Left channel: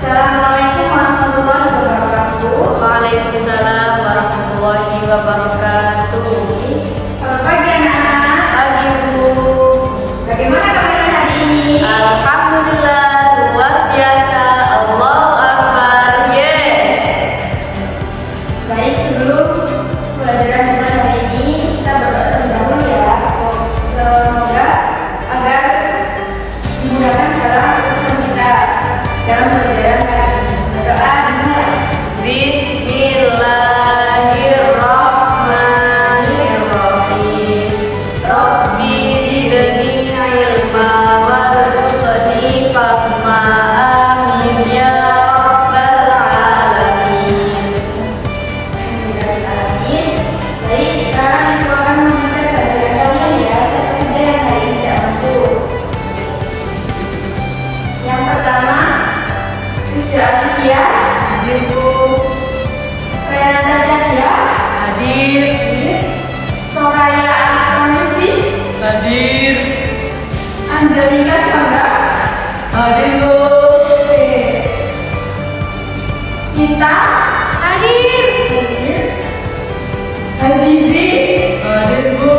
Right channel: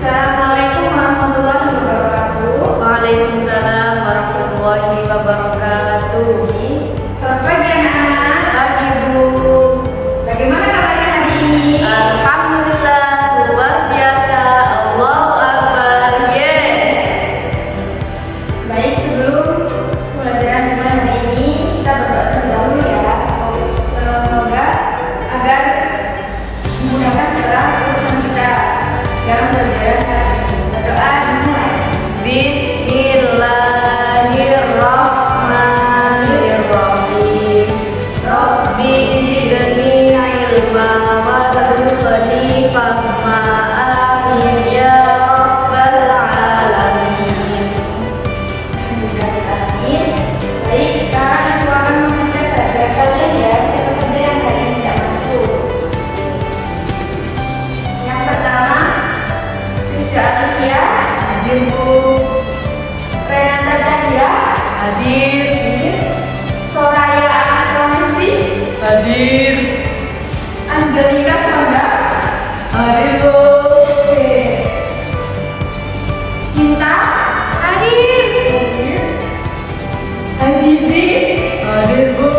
Assalamualaikum warahmatullahi wabarakatuh. Waalaikumsalam warahmatullahi wabarakatuh. Selamat pagi anak-anak. Pagi Bu. Bagaimana kabarnya hari ini? Alhamdulillah luar biasa. Allahu Akbar. Yes. Baik, sebelum pelajaran mulai hari ini kita berdoa terlebih dahulu ya. Semoga agar dimudahkan segala urusan kita dalam pelajaran hari ini. Berdoa dimulai. Bismillahirrahmanirrahim. Rabbi zidni ilma warzuqni fahma. Amin ya rabbal alamin. Amin. Baik, sekarang aku akan membaca pelajaran kalian ya. Siapa saja yang hari ini tidak masuk? Yang pertama, Ridha Alia. Hadir Bu. Renata Cahya. Hadir. Soraya Ramesti. Hadir. Angelina Sangga. Hadir Bu. Sinta. Hadir. Azizi. Hadir Bu.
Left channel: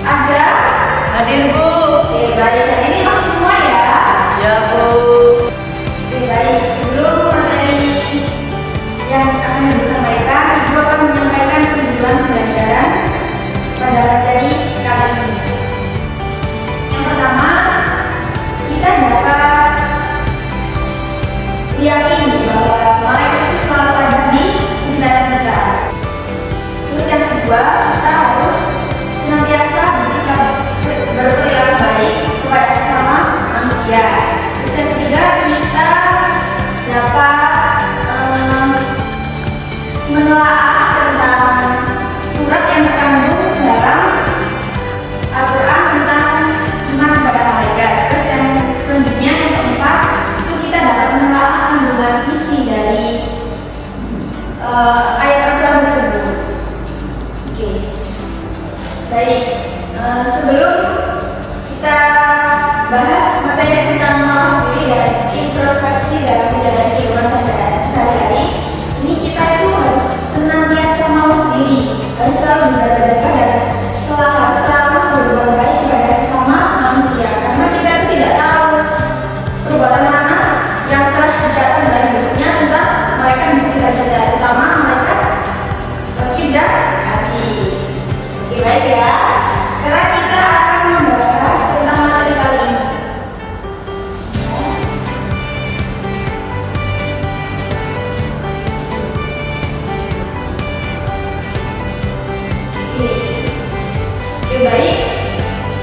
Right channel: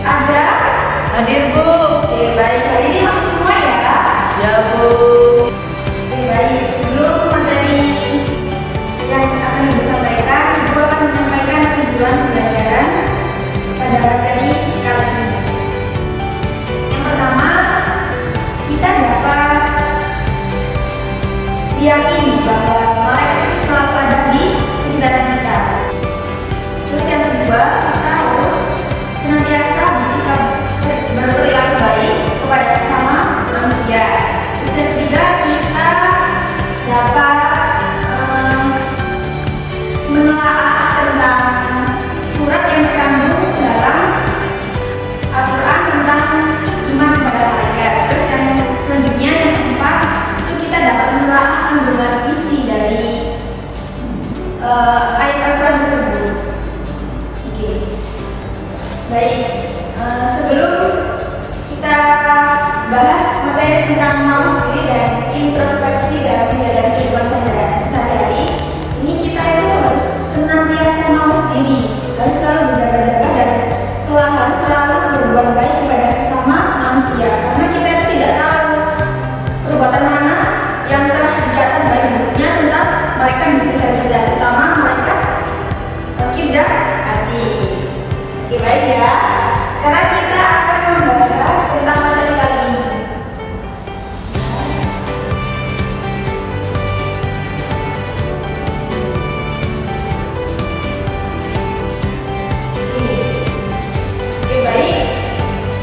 Ada. Hadir Bu. Oke, baik. Hari ini masuk semua ya. Ya Bu. Oke, baik. Sebelum materi yang akan Ibu sampaikan, Ibu akan menyampaikan tujuan pembelajaran pada materi kali ini. Yang pertama, kita dapat meyakini bahwa malaikat itu selalu ada di sekitar kita. Terus yang kedua, kita harus senantiasa bersikap berperilaku baik kepada sesama manusia. Terus yang ketiga, kita dapat menelaah tentang surat yang terkandung dalam Al-Quran tentang iman kepada malaikat. Terus yang selanjutnya, yang keempat, itu kita dapat menelaah kandungan isi dari ayat Al-Quran tersebut. Oke, baik. Sebelum kita bahas materi tentang mengenal diri dan introspeksi dalam menjalani kehidupan sehari-hari, ini kita itu harus senantiasa mau sendiri, harus selalu berjaga-jaga dan harus selalu berbuat baik kepada sesama manusia, karena kita itu tidak tahu perbuatan mana yang telah dicatat dalam hidupnya tentang mereka di sekitar kita, terutama mereka kibir dan hati. Oke, baik ya. Sekarang kita akan membahas tentang materi kali ini. Oke, baik.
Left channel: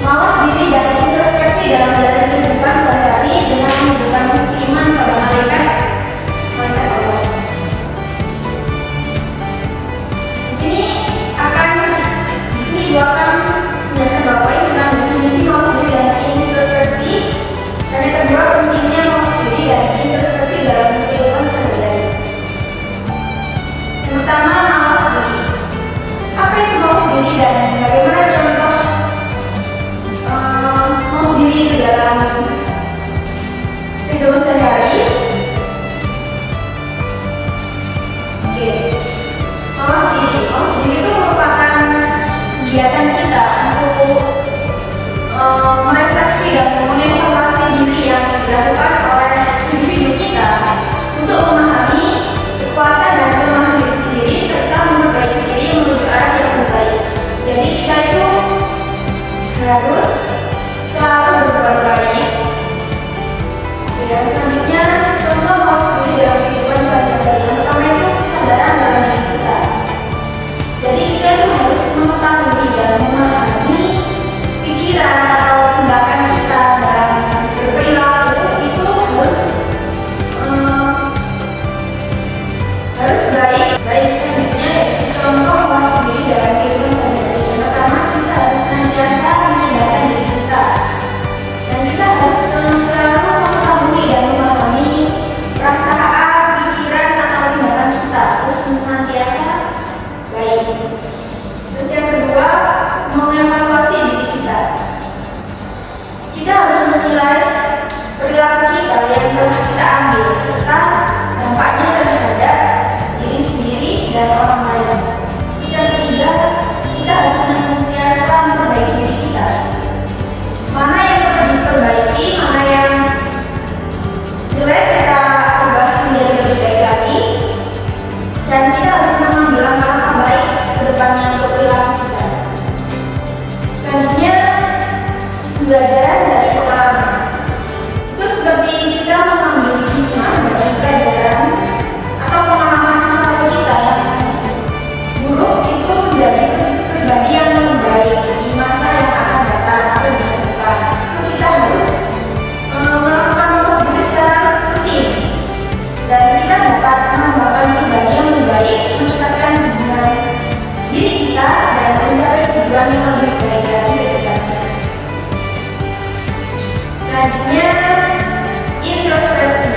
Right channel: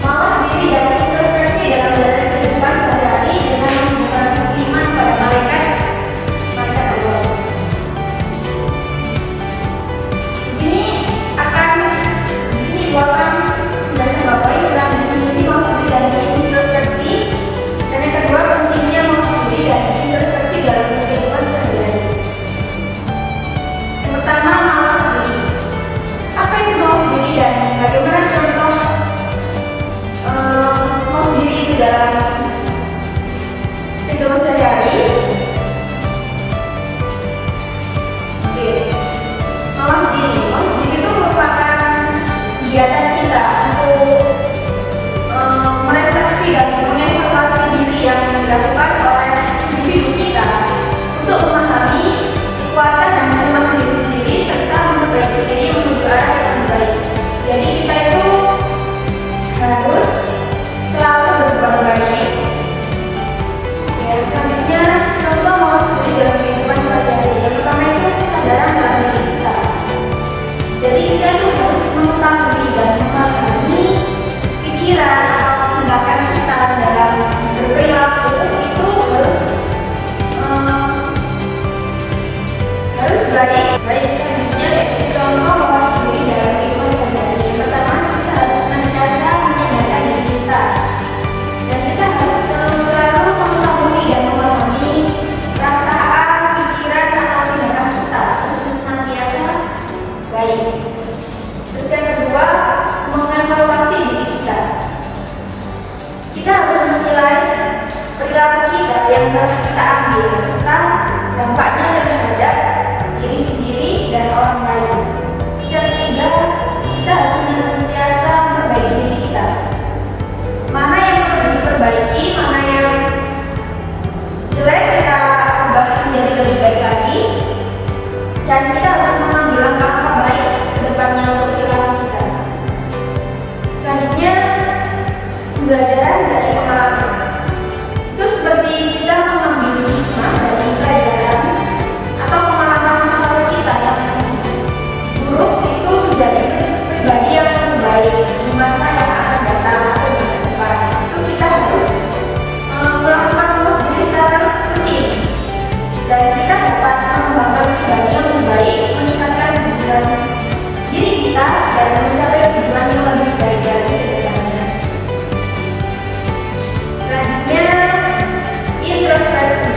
Mawas diri dan introspeksi dalam menjalani kehidupan sehari-hari dengan menunjukkan iman pada malaikat Allah. Di sini Ibu akan menjelaskan bahwa tentang definisi mawas diri dan introspeksi, dan yang kedua pentingnya mawas diri dan introspeksi dalam kehidupan sehari-hari. Yang pertama, mawas diri. Apa itu mawas diri dan bagaimana contoh mawas diri itu dalam kehidupan sehari-hari? Oke, mawas diri itu merupakan kegiatan kita untuk merefleksi dan mengevaluasi diri yang dilakukan oleh individu kita untuk memahami kekuatan dan kelemahan diri sendiri serta memperbaiki diri menuju arah yang lebih baik. Jadi kita itu harus selalu berbuat baik. Ya, selanjutnya contoh mawas diri dalam kehidupan sehari-hari. Yang pertama itu kesadaran dalam diri kita. Jadi kita itu harus mengetahui dan memahami pikiran atau tindakan kita dalam berperilaku itu harus baik. Baik, selanjutnya yaitu contoh mawas diri dalam kehidupan sehari-hari. Yang pertama, kita harus senantiasa menyadarkan diri kita, dan kita harus selalu mengetahui dan memahami perasaan, pikiran atau tindakan kita harus senantiasa baik. Terus yang kedua, mengevaluasi diri kita. Kita harus menilai perilaku kita kita yang telah kita ambil serta dampaknya terhadap diri sendiri dan orang lain. Terus yang ketiga, kita harus senantiasa memperbaiki diri kita. Mana yang perlu diperbaiki, mana yang jelek kita ubah menjadi lebih baik lagi, dan kita harus mengambil langkah baik ke depannya untuk perilaku kita. Selanjutnya, pembelajaran dari pengalaman. Itu seperti kita mengambil hikmah dari pelajaran atau pengalaman masa lalu kita yang buruk itu menjadi pribadi yang lebih baik di masa yang akan datang atau di masa depan. Itu kita harus melakukan fokus diri secara rutin, dan kita dapat mengembangkan pribadi yang lebih baik, meningkatkan hubungan diri kita, dan mencapai tujuan yang lebih baik lagi ke depannya. Selanjutnya, introspeksi.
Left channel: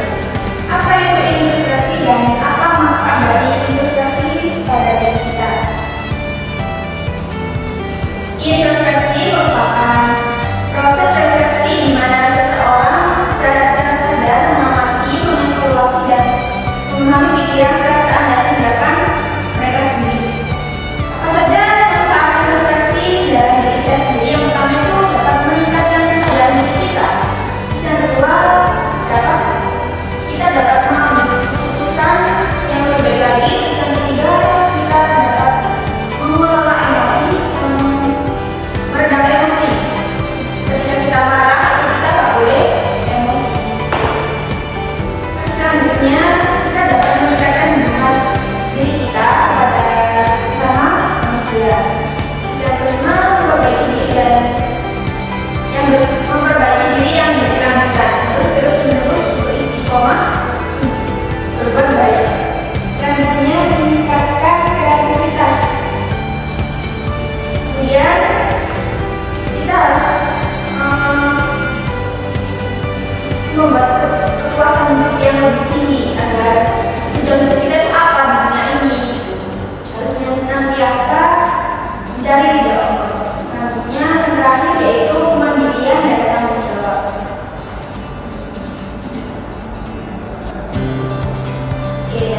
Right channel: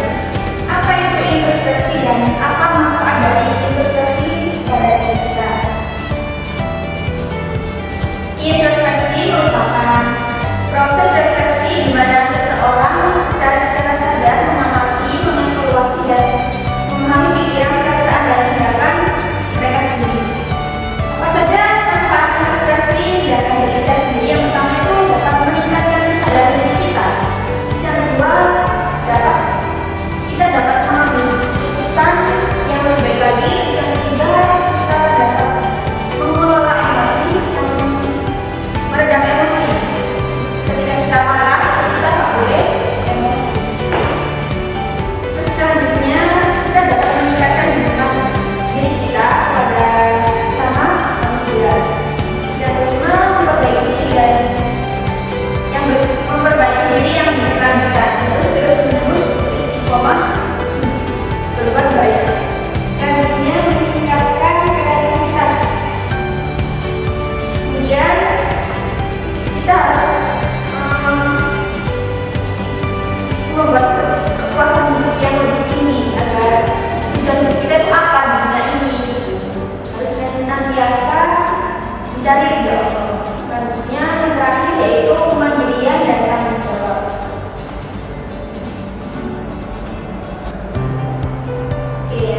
Apa itu introspeksi dan apa manfaat dari introspeksi pada diri kita? Introspeksi merupakan proses refleksi di mana seseorang secara sadar mengamati, mengevaluasi, dan memahami pikiran, perasaan, dan tindakan mereka sendiri. Apa saja manfaat introspeksi dalam diri kita sendiri? Yang pertama itu dapat meningkatkan kesadaran diri kita. Terus yang kedua, kita dapat mengambil keputusan yang lebih baik lagi. Terus yang ketiga, kita dapat mengelola emosi dan meredam emosi. Ketika kita marah, kita tak boleh emosi. Terus selanjutnya, kita dapat meningkatkan hubungan diri kita pada sesama manusia. Terus yang kelima, memperbaiki diri dan memperbaiki diri yang berkelanjutan terus menerus untuk istiqomah berbuat baik. Selanjutnya, meningkatkan kreativitas. Kemudian kita harus membuat kepuasan hidup yang lebih tinggi agar tujuan hidup kita itu apa di dunia ini. Harus senantiasa mencari ridho Allah. Selanjutnya, yang terakhir yaitu kemandirian dan tanggung jawab.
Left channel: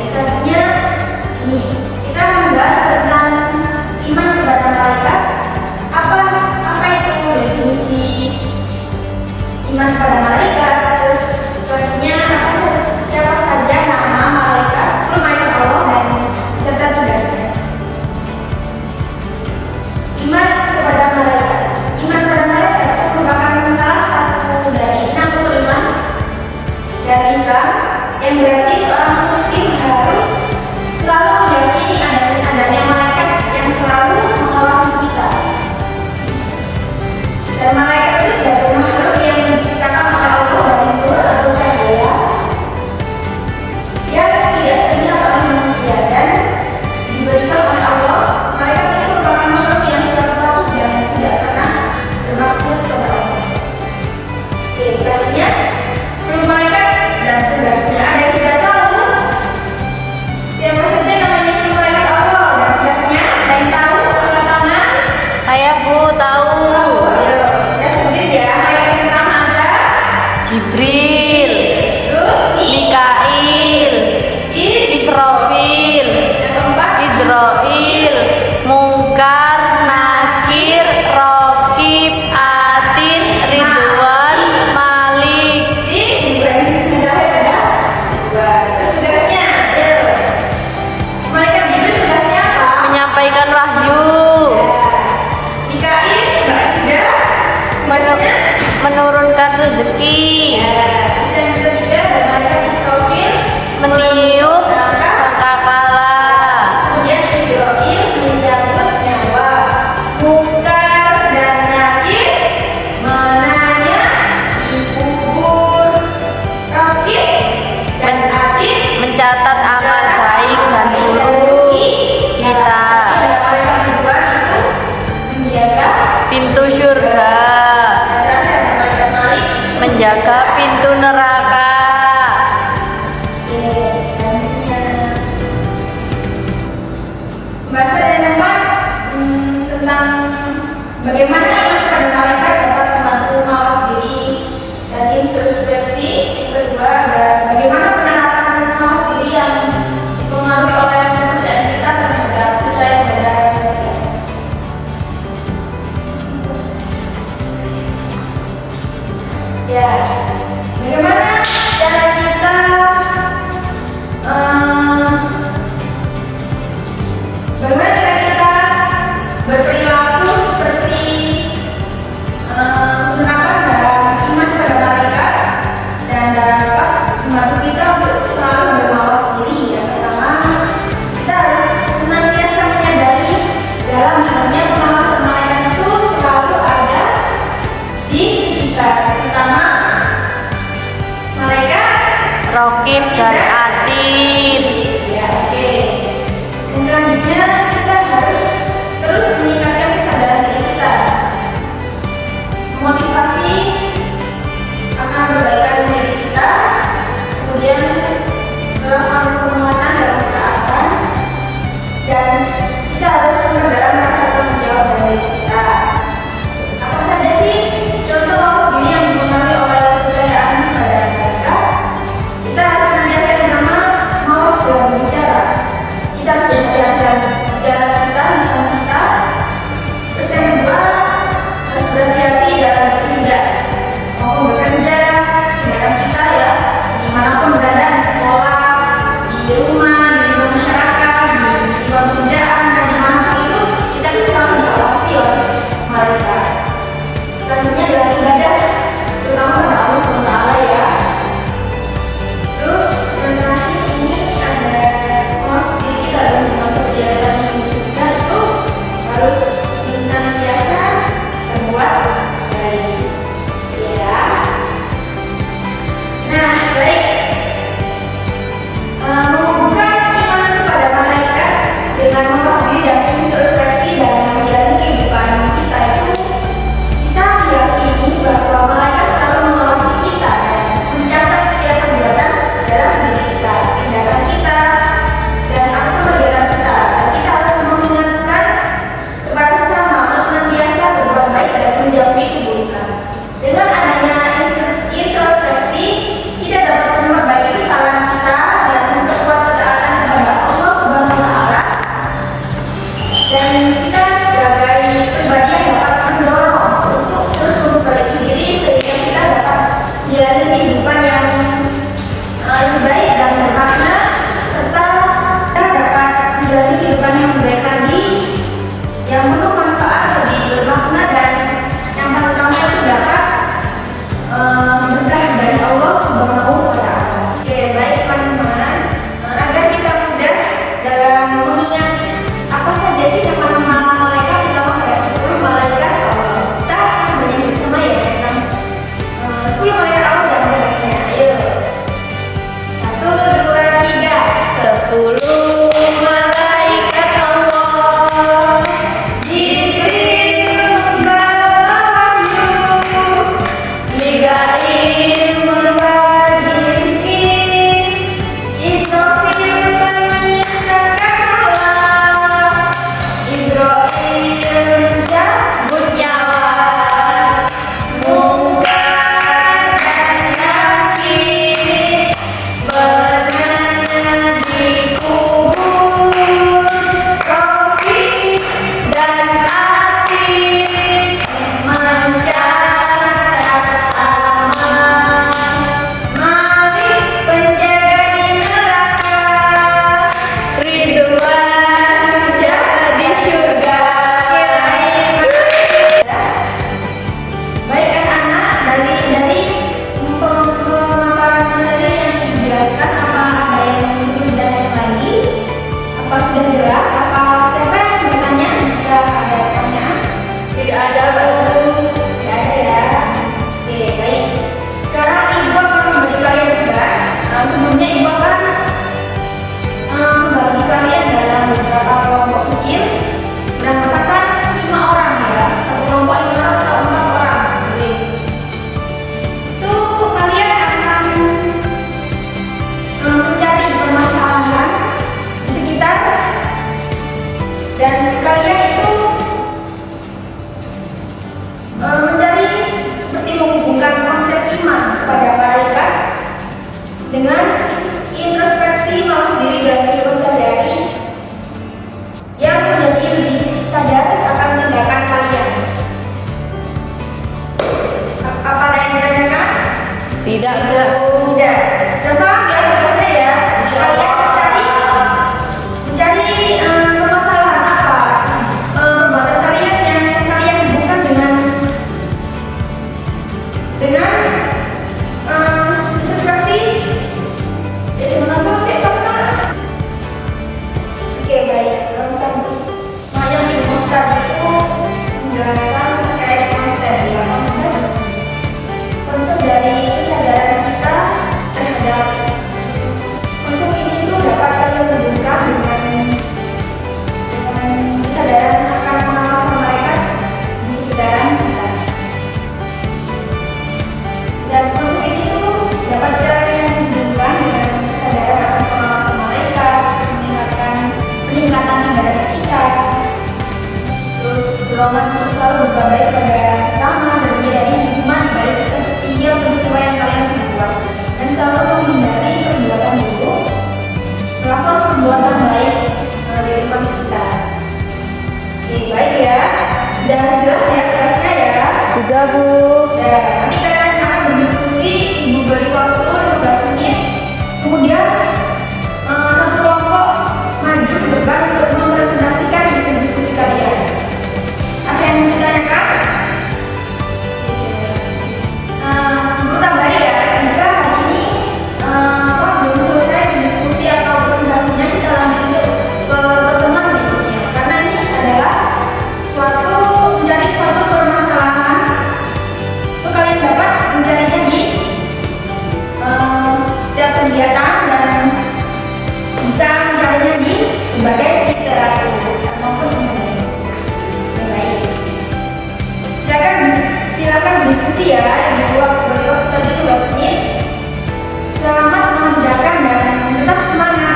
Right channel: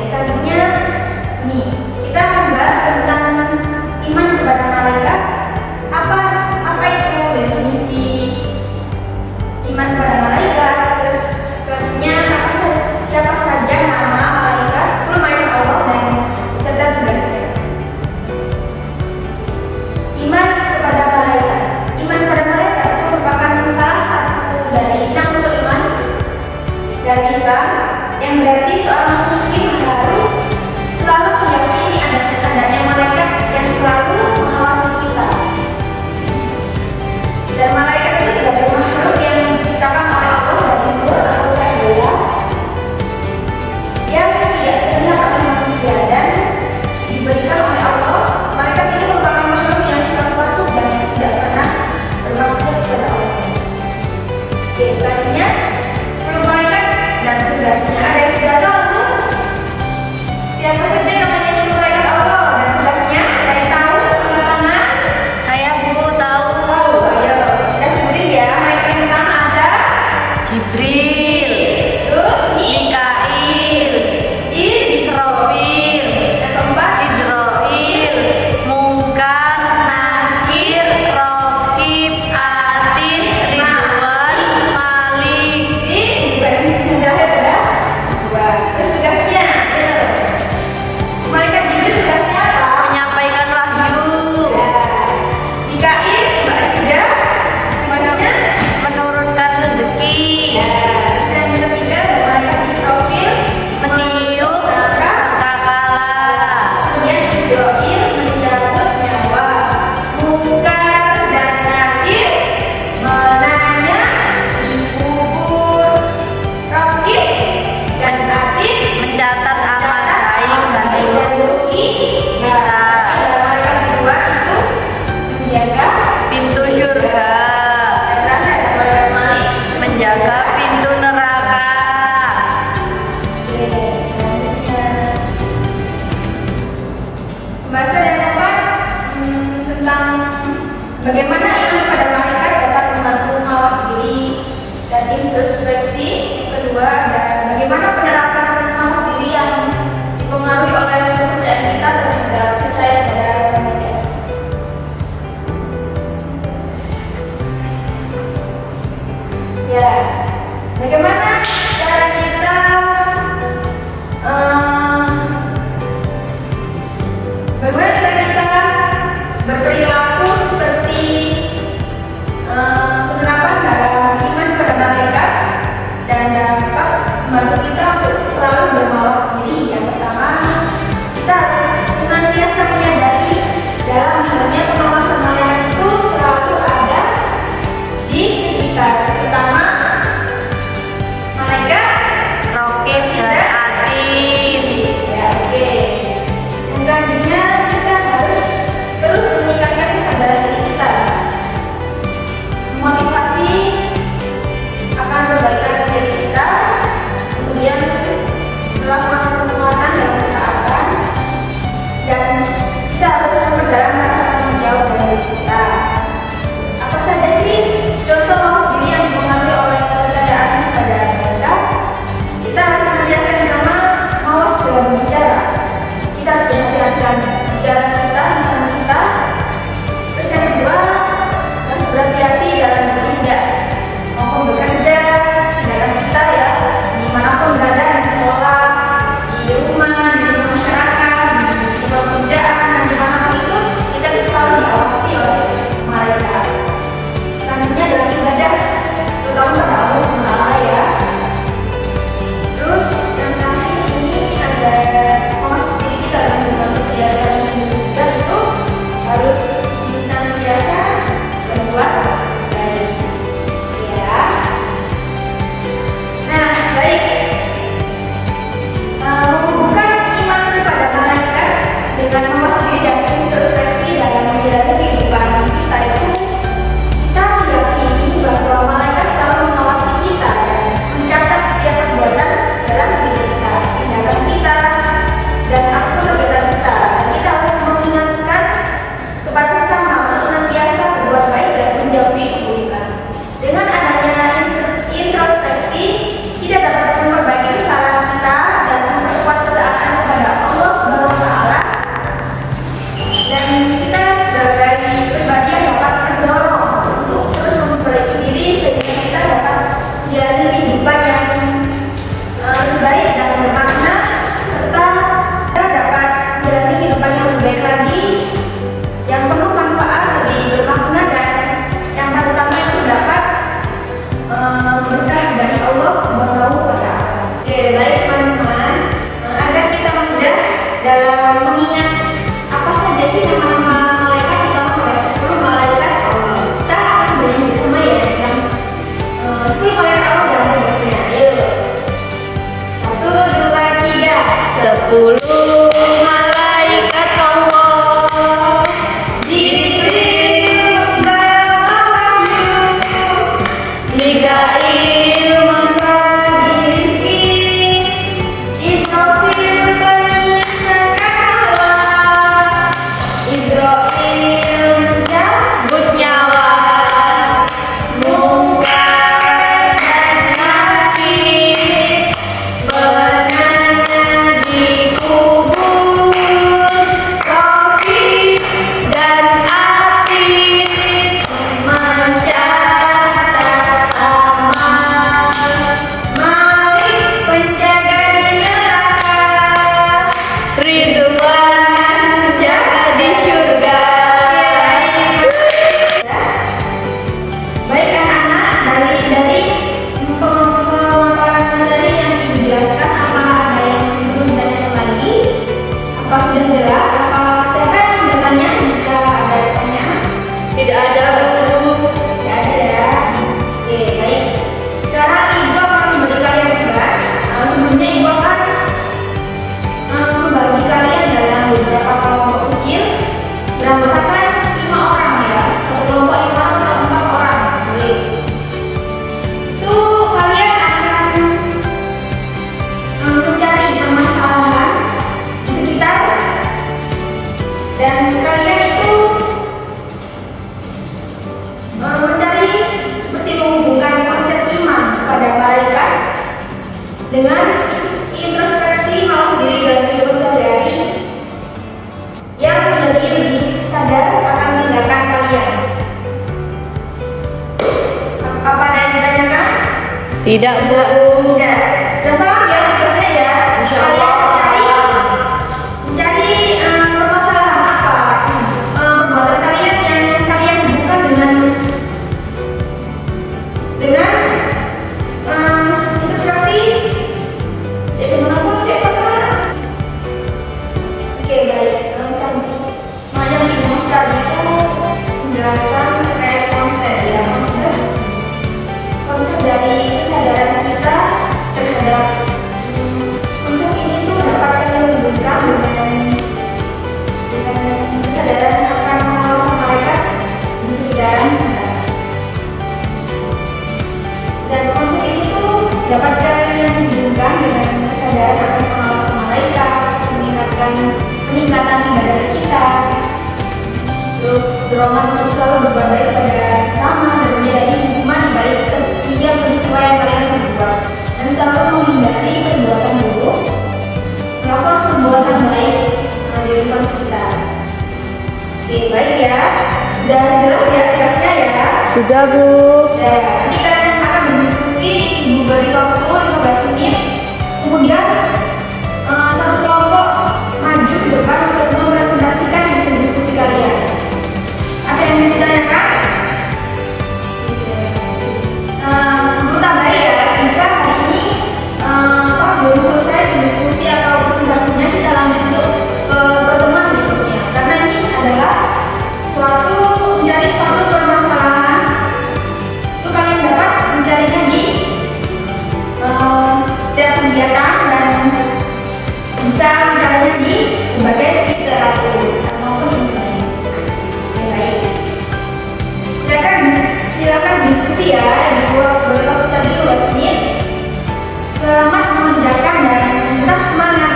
Selanjutnya ini kita akan bahas tentang iman kepada malaikat. Apa itu definisi iman kepada malaikat? Terus selanjutnya siapa saja nama malaikat, 10 malaikat Allah dan beserta tugasnya. Iman kepada malaikat. Iman kepada malaikat itu merupakan salah satu dari 6 rukun iman dari Islam, yang berarti seorang muslim harus selalu meyakini adanya malaikat yang selalu mengawasi kita. Dan malaikat itu sebagai makhluk yang diciptakan oleh Allah dari nur atau cahaya yang tidak terlihat oleh manusia dan diberikan oleh Allah. Malaikat ini merupakan makhluk yang selalu patuh dan tidak pernah bermaksiat kepada Allah. Oke, selanjutnya 10 malaikat dan tugasnya. Ada yang sudah tahu siapa saja namanya 10 malaikat Allah dan tugasnya? Ada yang tahu? Angkat tangan. Saya Bu tahu. Ayo, kita sebutin ya. Malaikat yang pertama ada Jibril, terus Mikail, Israfil, yang keempat Israil, Mungkar, Nakir, Raqib, Atid, Ridwan, Malik. bukan yang terakhir ada dua. Terus tugasnya, ayo. Malaikat Jibril tugasnya apa? Menyampaikan wahyu, Mikail, Mbak Ida, tugasnya menurunkan rezeki, terus yang ketiga ada malaikat Israfil, meniup sangkakala, kemudian Israfil mencabut nyawa, Mungkar dan Nakir menanya di kubur, Raqib dan Atid mencatat amal baik dan buruk kita, dan malaikat kedua itu menjaga pintu surga, yang terakhir ada malaikat Malik menjaga pintu neraka. Pembahasan yang keempat tentang bagaimana iman kepada malaikat dapat membantu mawas diri dan introspeksi. Yang kedua juga, dan bagaimana penerapan mawas diri yang dipengaruhi oleh kepercayaan kita terhadap percaya pada malaikat. Ya, bagaimana cara kita bagaimana cara kita berperilaku seperti penerapan dalam iman pada malaikat dan dapat membantu kita untuk selalu bermawas diri. Yang pertama, kita harus senantiasa menyadari dalam halnya pengawasan malaikat itu selalu ada di sekitar. Pertama, malaikat Rokib dan Atid. Ya, oke. Dan selanjutnya kita harus terus meningkatkan kesadaran diri kita, motivasi akan perbaikan diri kita, kemudian melakukan penguatan dalam ketaatan, dan kita harus memperdalam rasa tanggung jawab dari diri kita. Apa saja sih contoh mawas diri yang dipengaruhi oleh kepercayaan pada mereka? Kita harus senantiasa yang pertama mawas dalam bicara. Kita harus memperhatikan bicara kita, lisan kita. Terus yang kedua, harus berhati-hati dalam bertindak maupun bekerja. Tindakan kita ya, dimanapun berada, di sekolah, di rumah, di lingkungan masyarakat, di lingkungan kerjaan, dan dimanapun itu kita tuh selalu diawasi oleh malaikat. Selanjutnya dalam ibadah, terutama pada Allah Taala ya. Terus yang terakhir ini ada mawas diri kita dalam hubungan sosial dan juga itu harus senantiasa berbuat baik. Ya. Nah, baik. Menumbuhkan iman kepada malaikat dengan mawas diri dan introspeksi dalam menjalani kehidupan kita itu, kita meyakini bahwa malaikat selalu mengawasi kita dan mencatat setiap perbuatan dalam diri kita, tindakan kita, dan apapun kegiatan kita. Dan kita harus mengingatkan kepada sesama untuk senantiasa berbuat baik dan menjauhi keburukan. Dengan adanya introspeksi, kita dapat memperbaiki kesalahan kita dan memperkuat ketaatan kepada Allah Subhanahu wa Ta'ala. Dan kita sebagai pribadi yang dapat mendorong untuk terus memperbaiki diri sehingga kita dapat menjalani kehidupan yang lebih baik dan bermakna, serta kita dapat menjalani kehidupan yang lebih baik lagi, yang penuh manfaat, lebih bermakna, dan yang pertama itu dapat berkah dari Allah Subhanahu wa Ta'ala. Oke, baik teman-teman, agar kita mudah dalam mengingat apa saja sih nama-nama malaikat, terutama pada 10 malaikat Allah. Kita akan belajar bersama ya tentang 10 malaikat Allah dan tugasnya. Ayo, 1, 2, 3. 10 malaikat Allah, Jibril membawa wahyu, Mikail membagi rezeki, Israfil menyisakan Allah, Israil mencabut nyawa, Munkar dan Nakir menanya di kubur, Rokib dan Atid mencatat amal, Malik penjaga di neraka, Ridwan menjaga di surga. Baik anak-anak, dari pemaparan tadi yang dijelaskan, apa ada yang perlu ditanyakan lagi? Apa sudah jelas? Apa siapa yang bertanya jika ada pertanyaan? Tidak ada, Bu. Tidak ada ya. Oke, baik. Sekarang Ibu akan memberi kalian tugas. Sebelumnya Ibu akan membagi kalian dalam beberapa kelompok kecil, beranggotakan 5 orang ya. Satu kelompok 5 orang atau 4 orang. Boleh. Itu kalian akan mencari permasalahan di sekitar dengan introspeksi mawas diri dalam kehidupan sehari-hari yang menjadi lebih sadar akan tindakan kalian. Apa ada yang ditanyakan? Tidak. Tidak. Contoh ya tugasnya ya. Kalian mencari permasalahan apa perbuatan kalian yang kalian hubungkan dengan introspeksi. Oke, baik. Nah, yang dirumuskan itu penjelasan terkait konsep ya, konsep dari kesadaran kita terhadap konsep ini tuh dapat kalian hubungkan dengan kesadaran akan pengawasan mereka di sekitaran kita. Dan konsep ini tuh dapat kalian hubungkan dengan kesadaran akan pengawasan mereka, peningkatan ibadah kita, terus dorongan untuk selalu berbuat baik pada sesama dan menyadari hikmah di balik setiap peristiwa yang kalian perbuat, dan selalu menghindari perbuatan buruk, melakukan perbuatan baik di lingkungan sekitar. Oke, baik ya. Sudah jelas ya tugasnya ya? Sudah, Bu. Ya, nanti kalian akan berdiskusi, Ibu beri waktu 15 menit. Kemudian satu kelompok maju ke depan untuk mempresentasikan hasil diskusi kalian. Ada yang mau ditanyakan? Guru tambahin ya, jika hari ini belum selesai diskusi atau presentasinya, kita lanjut untuk ke pertemuan berikutnya. Karena ini adalah mencari suatu permasalahan itu kalian dapat mencarinya di setiap kegiatan dan bisa mencarinya di berbagai literatur maupun internet. Baik, silakan diskusi ya. Waktu tadi 15 menit. Selamat mengerjakan dan tetap semangat.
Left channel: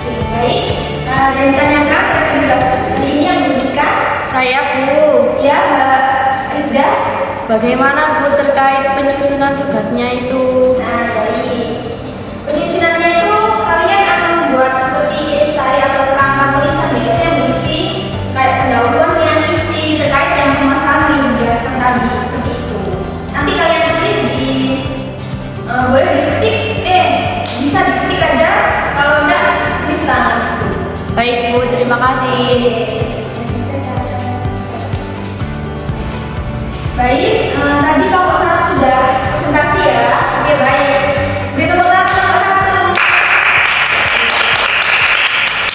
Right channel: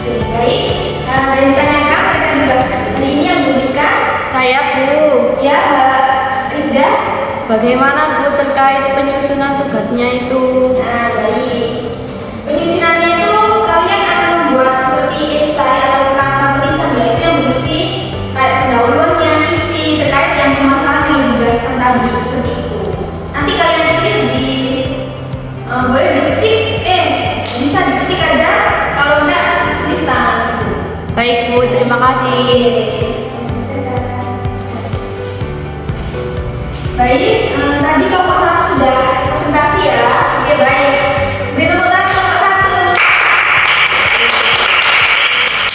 Oke, baik. Ada yang ditanyakan terkait tugas hari ini yang diberikan? Saya, Bu. Ya, Mbak Rifda. Bagaimana, Bu, terkait penyusunan tugasnya itu? Nah, baik. Penyusunannya itu kalian akan membuat seperti esai atau kerangka tulisan, yaitu yang berisi kayak pendahuluannya, isi terkait yang permasalahan yang dijelaskan tadi, seperti itu. Nanti kalian tulis boleh diketik, bisa diketik aja, kalau enggak tulis tangan. Baik, Bu, terima kasih. Baik, tadi kelompok 1 sudah presentasi ya. Oke, baik. Beri tepuk tangan kelompok 1.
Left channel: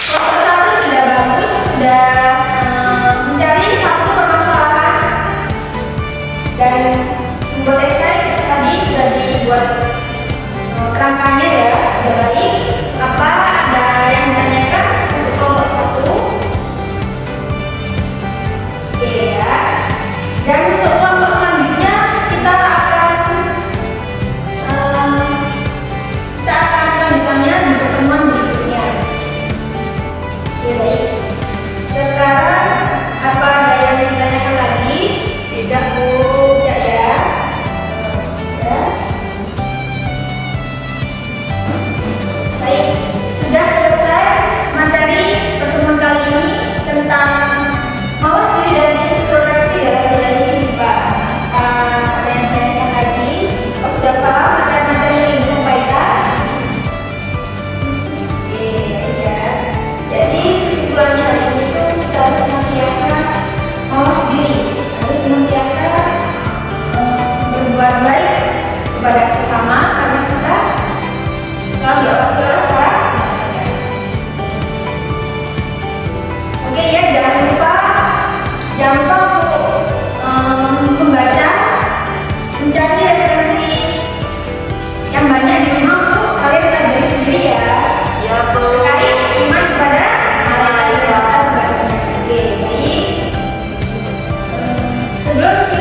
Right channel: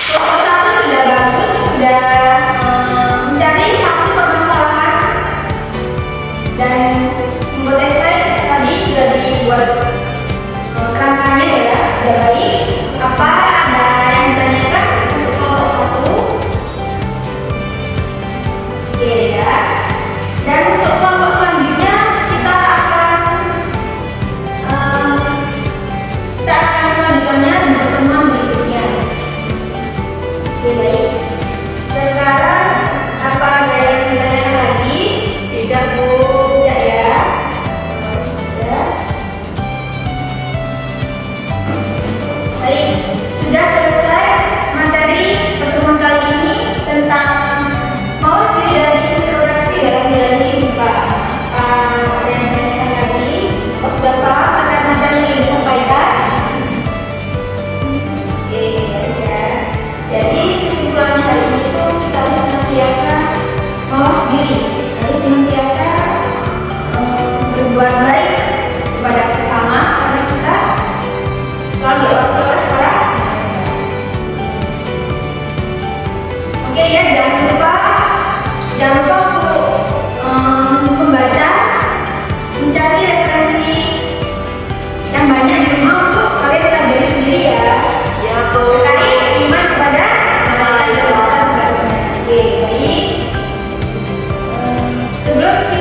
Kelompok 1 sudah bagus, sudah mencari satu permasalahan dan membuat esai. Tadi sudah dibuat kerangkanya ya, sudah baik. Apa ada yang ditanyakan untuk kelompok 1? Oke ya. Dan untuk kelompok selanjutnya kita akan melanjutkannya di pertemuan berikutnya. Oke, baik. Sekarang apa ada yang ditanyakan lagi? Tidak, Bu. Tidak ya. Ya. Baik, sudah selesai materi pertemuan kali ini tentang mawas diri dan introspeksi dalam menjalani kehidupan. Ada yang ditanyakan lagi? Sudah paham materi yang disampaikan? Oke, ya. Jadi kesimpulannya hari ini tuh kita harus senantiasa mawas diri, harus senantiasa berbuat baik kepada sesama karena kita selalu diawasi oleh para malaikat. Oke ya, jangan lupa untuk membaca, mencari referensi yang banyak di rumah untuk kalian pelajari sendiri ya. Ya, Bu. Terkait iman kepada malaikat itu tugasnya. Oke, baik. Sebelum kita